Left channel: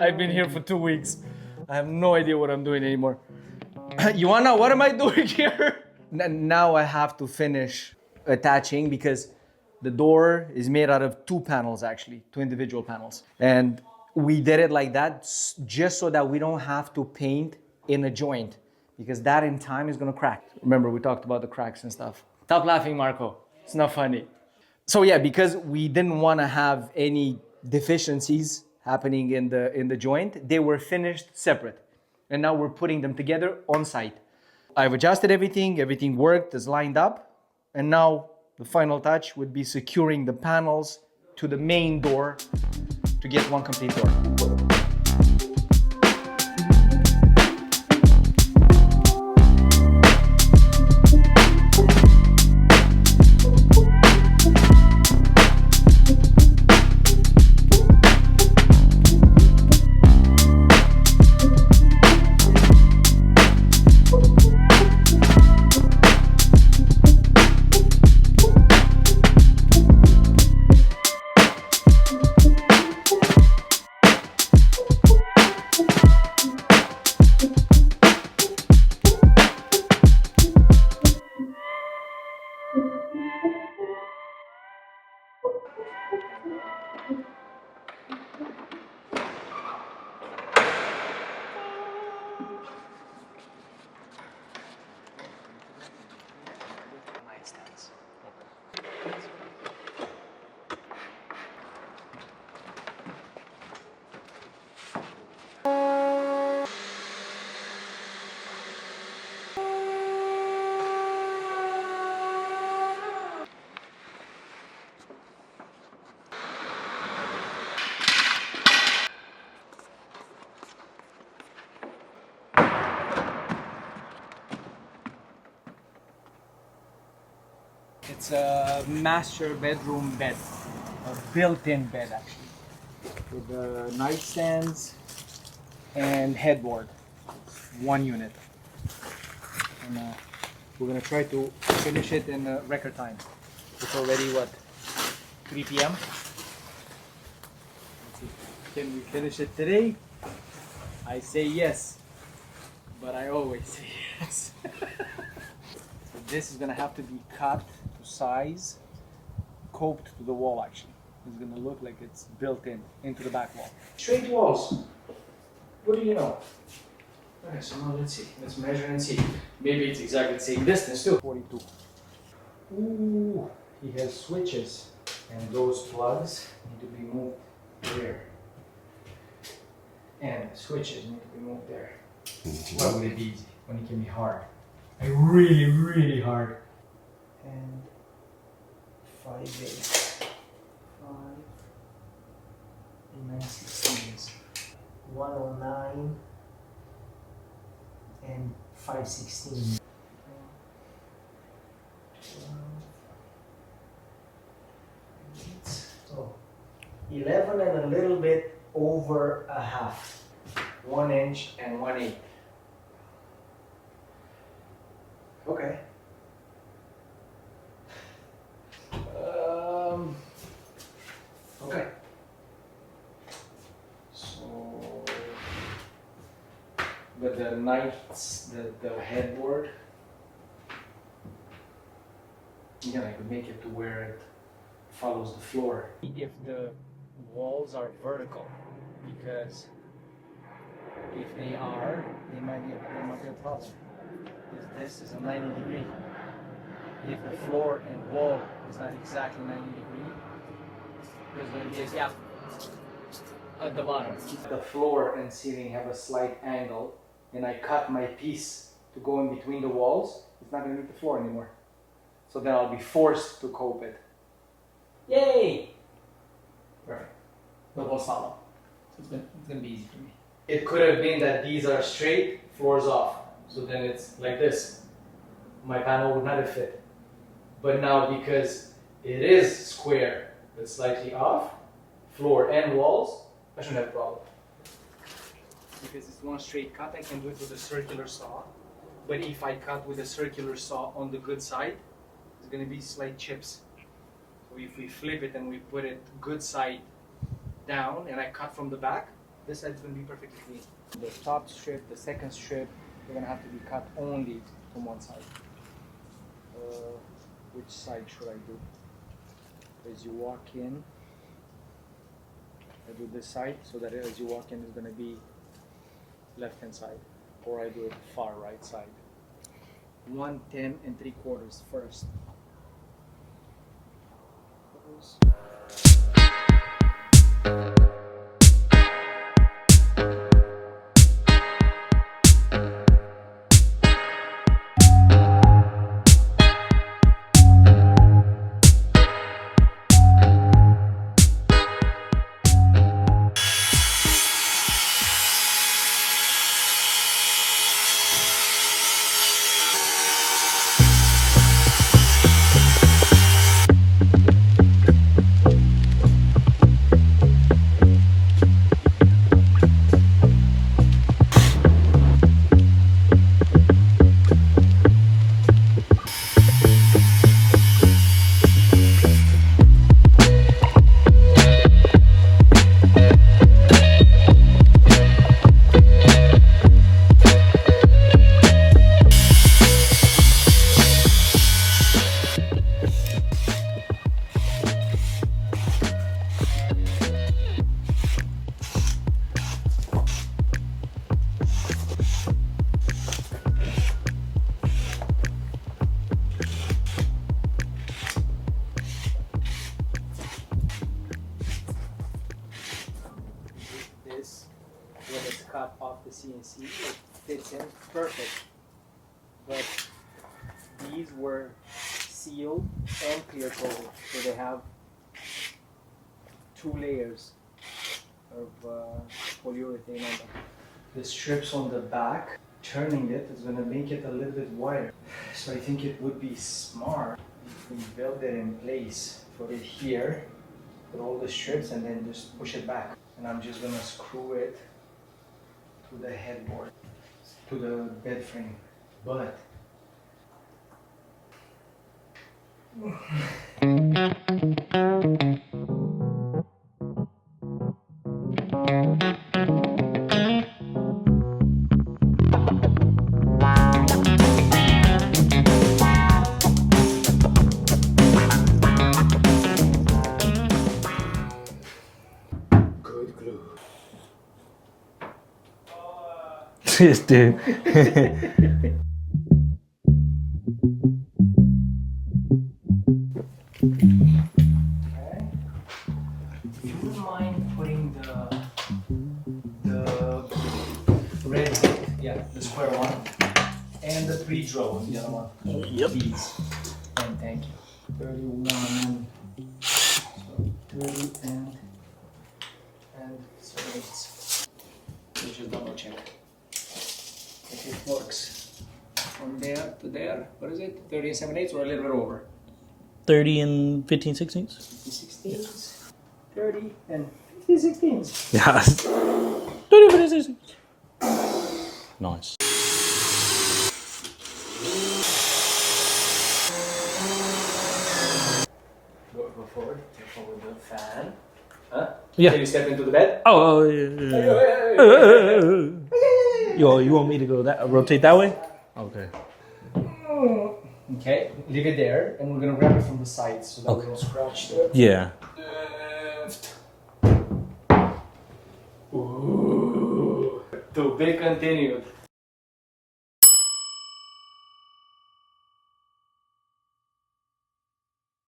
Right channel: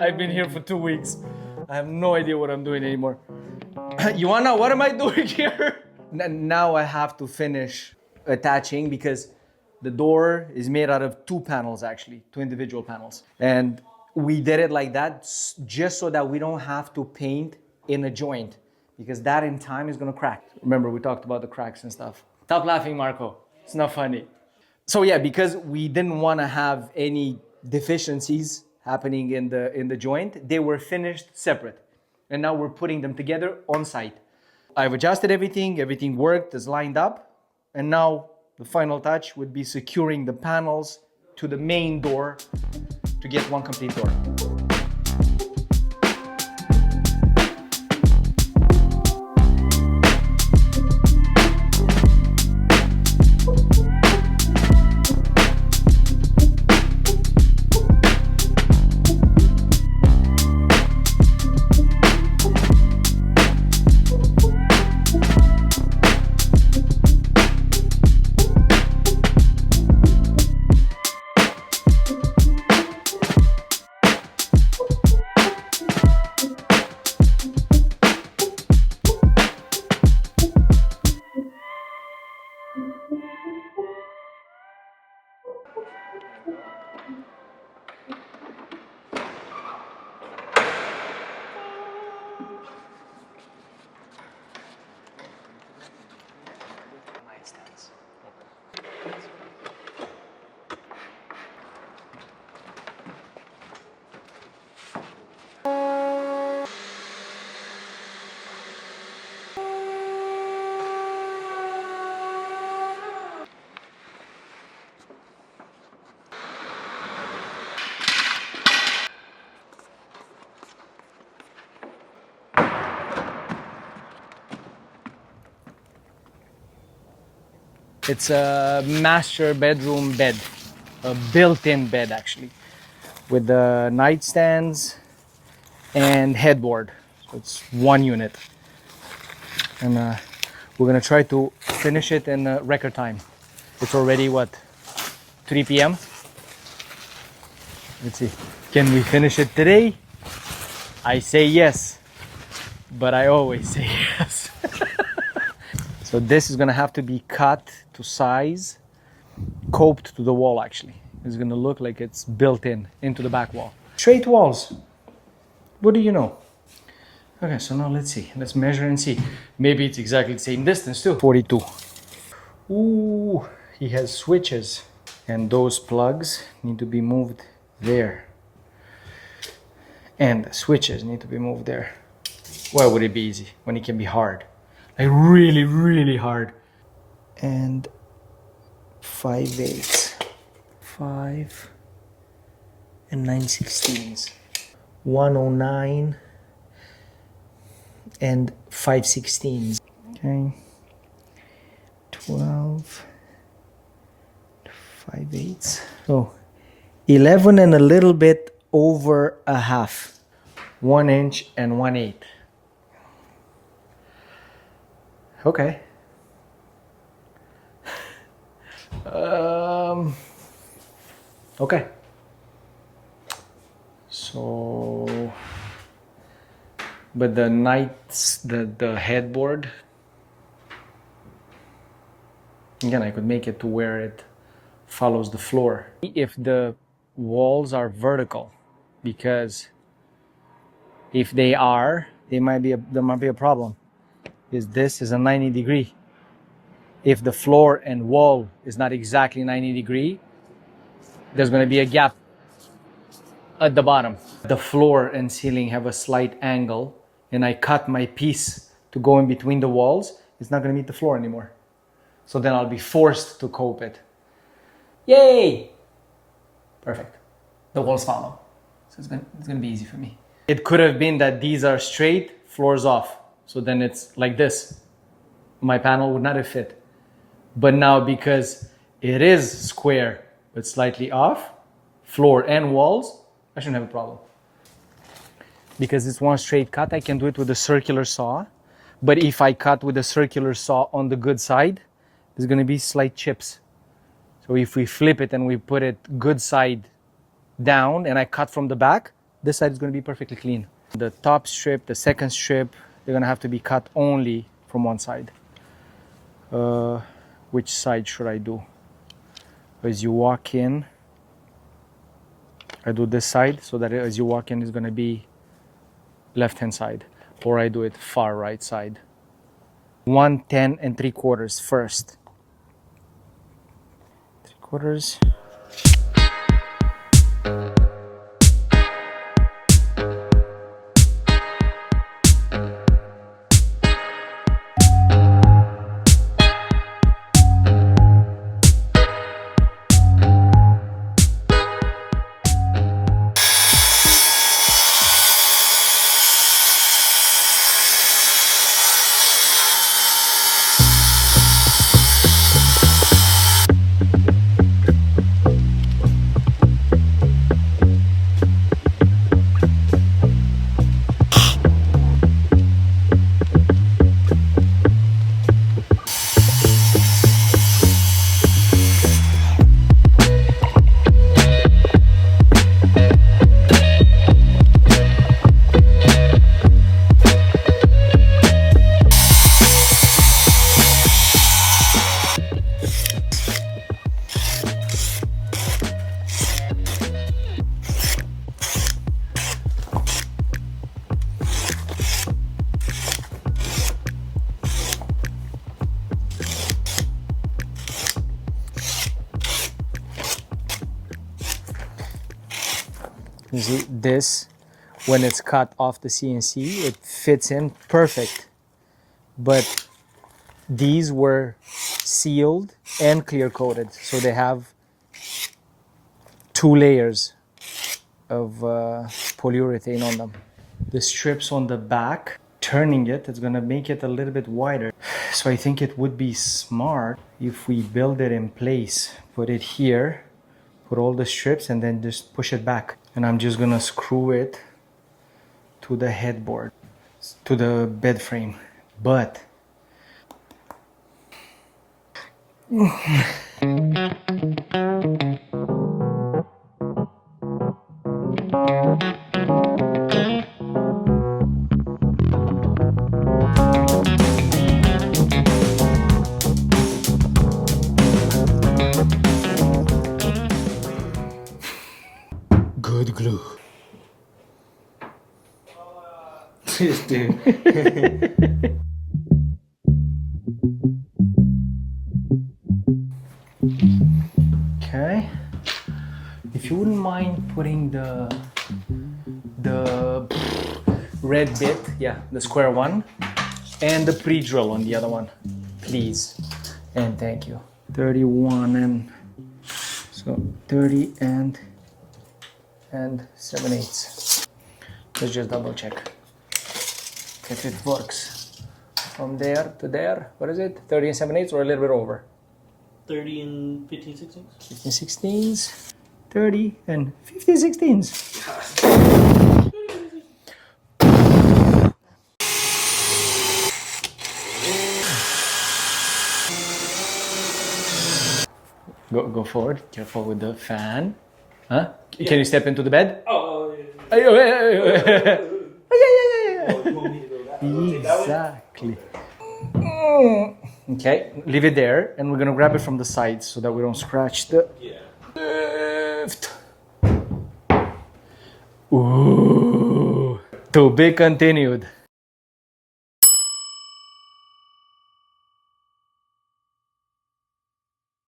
I've been here for 2 weeks. I have no idea what I'm doing anymore. You wanna know what am I doing here? Now I have to finish attaching because the door is made out of 2 panels actually, 2 individual panels. And we did it like that just so that we don't have to paint in a joint because that in time is gonna crack. Remember we talked about the cracks and stuff. Stop laughing, Marco. It's not funny. So yeah, because we didn't want to have any deficiencies happening in the joint, they were finished separate. And now we're putting them together on site. I've adjusted everything worked, is lined up. And now the final touch would be securing the panels to the main door to get one complete door. It's a master bedroom bed, a built-in bed actually, with the nightstands and headboard. So it's one unit. And we're gonna try to finish it in record time. It's already what, 3 p.m.? Let's see, can we finish it today? I say yes, but I always say yes. So this is gonna have to be cut to size, coped to the wall actually. It's gonna look like it's built into the back wall. Straight walls, what do you know? Okay, so now let's see, let's measure and see. Maybe it's exactly the same distance too. 42. Ooh, he has switches. And those plugs need to be moved there. And the switches need to be moved there. Why would it be easy when it can be hard? Like really, really hard. And 5/8, 5 and 9/16, 109 and 5/16. Okay, 12, 5/8. So 11 and a little bit over a half, 1 inch and 1/8. Okay. Okay. So, but the the headboard, again, I could make it to where it follows the floor. If the walls are vertical, because if they are, there might be a problem. Because this is a 90 degree. If the floor and wall is not exactly 90 degree, there's going to be a gap at the bottom. The floor and ceiling have a slight angle, and I cut my piece to go in between the walls. It's not going to meet the floor anymore. So then I'll be forced to cope it. Yay! Perfect. The walls follow. So it's going to be easy for me. It could have been that these are straight, floors off. So then it's like this. My panel would not have fit. But now because it is square but slightly off, floor and walls, I shouldn't have a problem. Because it's one straight cut, I can do it with a circular saw. But if I cut with a circular saw on the good side, there's going to be slight chips. So if we flip it and we put it good side down and I cut from the back, this side is going to be perfectly clean. The top strip, the second strip, they're going to have to be cut only from one side. Which side should I do? As you walk in, I do this side so that as you walk in, it's going to be left hand side, or I do it far right side. 110 3/4 first. 3/4. You see, this, when it's cut off the CNC, it fits in perfect. But these were sealed and clear coated, so they have 2 layers of polyurethane on them. The strips on the back, turning it's gonna make it a little bit wider. So I think it would be smart if we build it in place, put it here, put all the strips, and then just push it back. And I'm just gonna screw it to the headboard, to the bed frame. But good glue. This dude. Okay. If you wouldn't mind putting the red bit, yeah, the square one, and the pre-drill on the other one. Yep. These. And thank you. 31 and so 30 and 7/8. Let's just double check if it works. From there to there, what is it? 30 and 7/8 or a little bit over? 30 and 15/16. 15/16. 30 and 15/16. Yeah. 30 and 15/16. Nice. Go forward. Careful with the fan. Huh? Yeah. Can you step into the bed? Oh, yeah. You want me to go that rotate that way? Exactly. Okay. Okay, leave it there, and we're gonna grab it from the sides so that we don't scratch the Yeah. lift. Ooh. To be continued.